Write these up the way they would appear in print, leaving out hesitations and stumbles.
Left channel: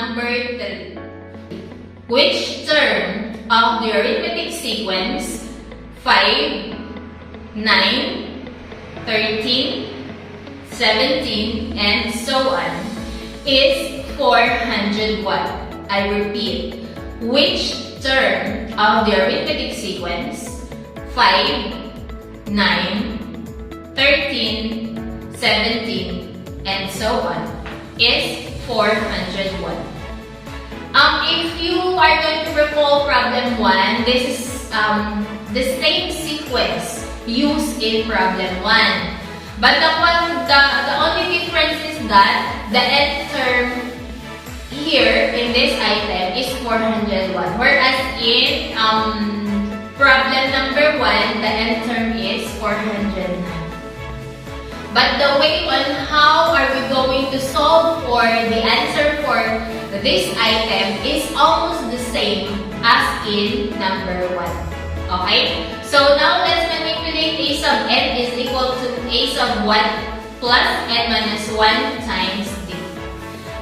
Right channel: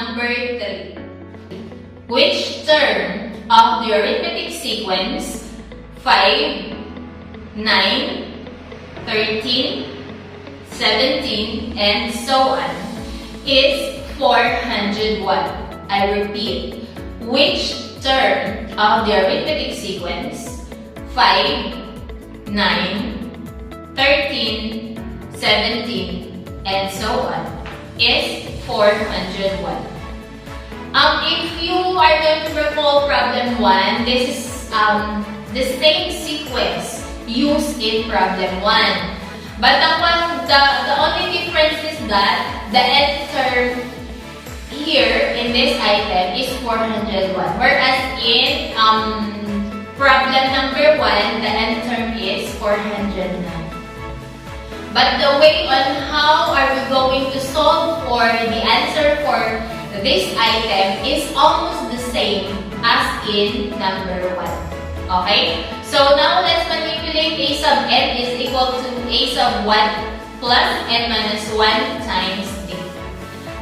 number 3. Which term of the arithmetic sequence 5, 9, 13, 17, and so on is 401? I repeat, which term of the arithmetic sequence 5, 9, 13, 17, and so on is 401? If you are going to recall problem 1, this is the same sequence used in problem 1. But the only difference is that the nth term here in this item is 401. Whereas in problem number 1, the nth term is 409. But the way on how are we going to solve for the answer for this item is almost the same as in number 1. Okay? So now let's manipulate a sub n is equal to a sub 1 plus n minus 1 times d.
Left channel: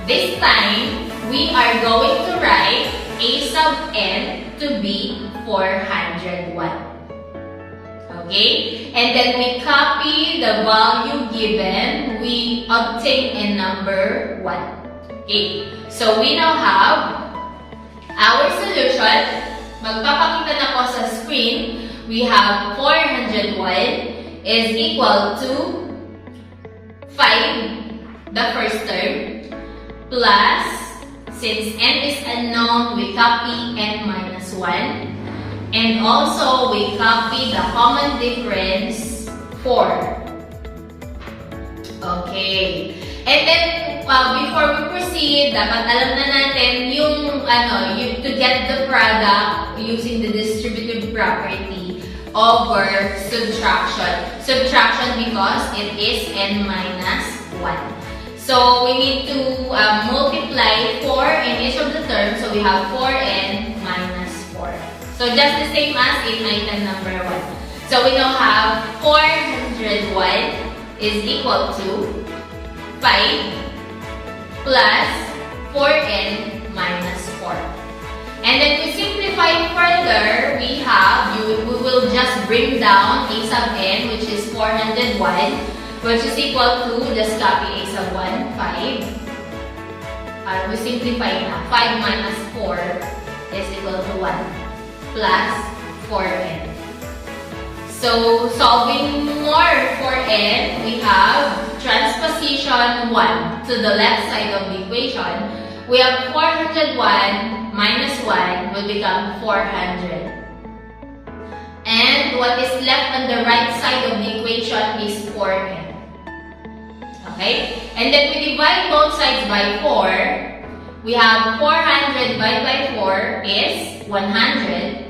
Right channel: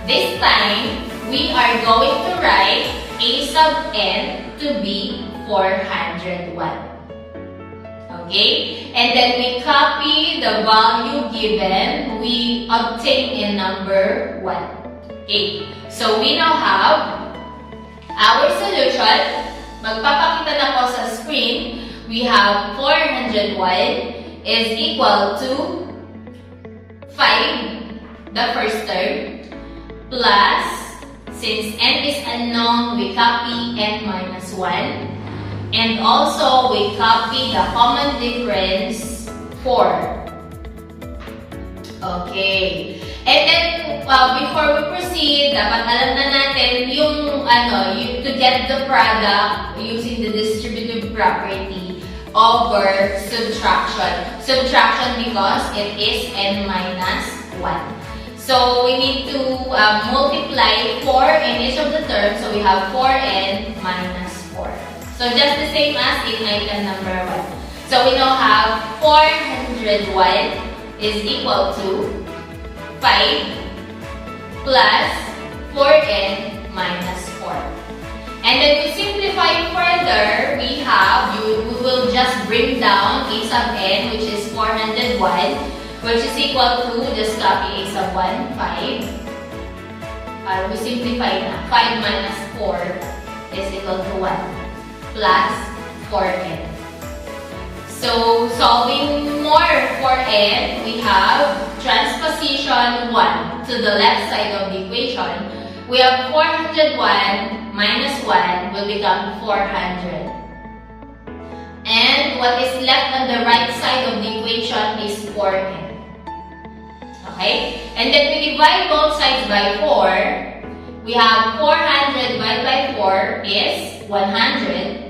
This time, we are going to write a sub n to be 401. Okay? And then we copy the value given we obtained in number 1. Okay? So we now have our solution. Magpapakita na po sa screen. We have 401 is equal to 5, the first term, plus, since n is unknown, we copy n minus 1. And also, we copy the common difference 4. Okay. And then, before we proceed, dapat alam na natin yung, to get the product using the distributive property over subtraction. Subtraction because it is n minus 1. So, we need to multiply 4 in each of the terms. So, we have 4n minus 4. So, just the same as in item number 1. So, we now have 401 is equal to 5 plus 4n minus 4. And then to simplify further, we will just bring down a sub n, which is 401, which is equal to, just copy a sub 1, 5. We simplify na. 5 minus 4 is equal to 1. Plus 4n. So, solving more for n, we have transposition 1 to the left side of the equation. We have 401 minus 1 will become 400. And what is left on the right side of the equation is 4n. Okay? And then we divide both sides by 4. We have 400 divided by 4 is 100.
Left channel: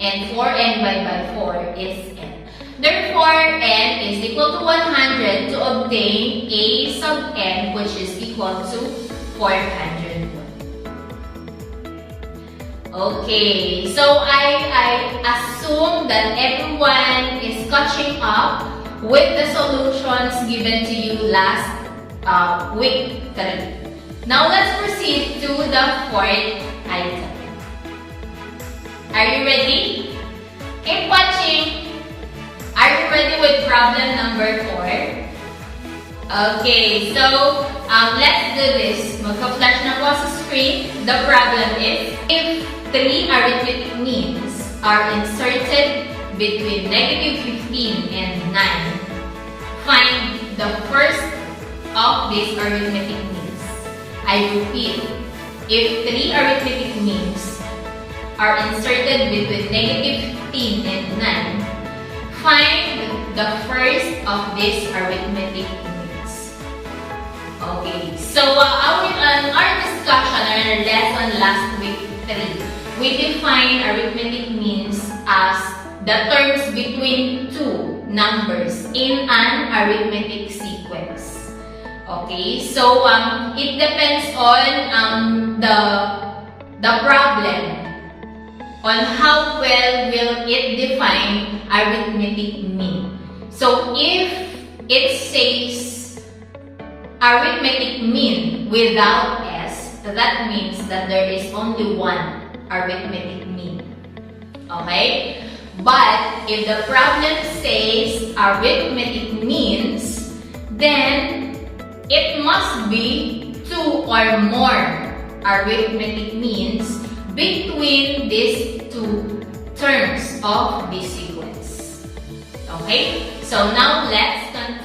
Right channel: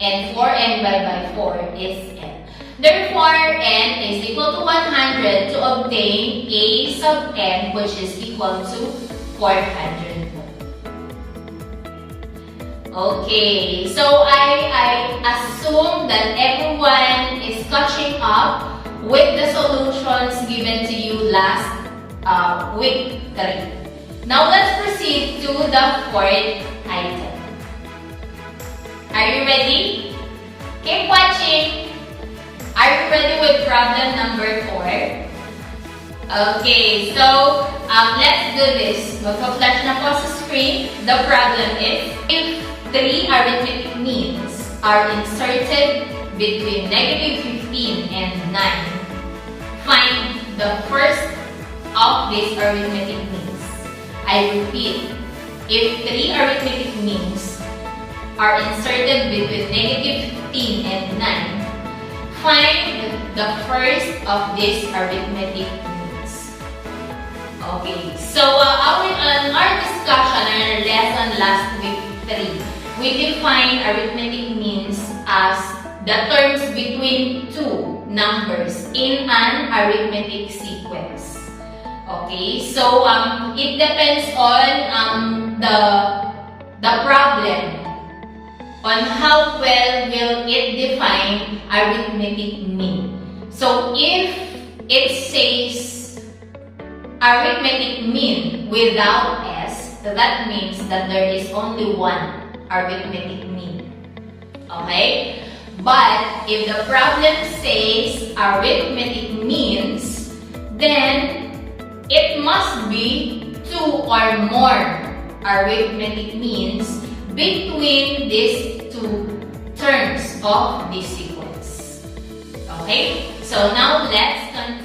And 4n divided by 4 is n. Therefore, n is equal to 100 to obtain a sub n, which is equal to 401. Okay, so I assume that everyone is catching up with the solutions given to you last week. Now, let's proceed to the fourth item. Are you ready? Keep watching. Are you ready with problem number 4? Okay, so let's do this. Magka-flash na po sa screen. The problem is, if 3 arithmetic means are inserted between negative 15 and 9, find the first of these arithmetic means. I repeat, if 3 arithmetic means are inserted between negative 15 and 9, find the first of these arithmetic means. Okay, so our discussion or our lesson last week 3, we define arithmetic means as the terms between two numbers in an arithmetic sequence. Okay, so it depends on the problem, on how well will it define arithmetic mean. So if it says arithmetic mean without s, that means that there is only one arithmetic mean. Okay? But if the problem says arithmetic means, then it must be 2 or more arithmetic means between these two terms of this sequence. Okay? So now let's continue.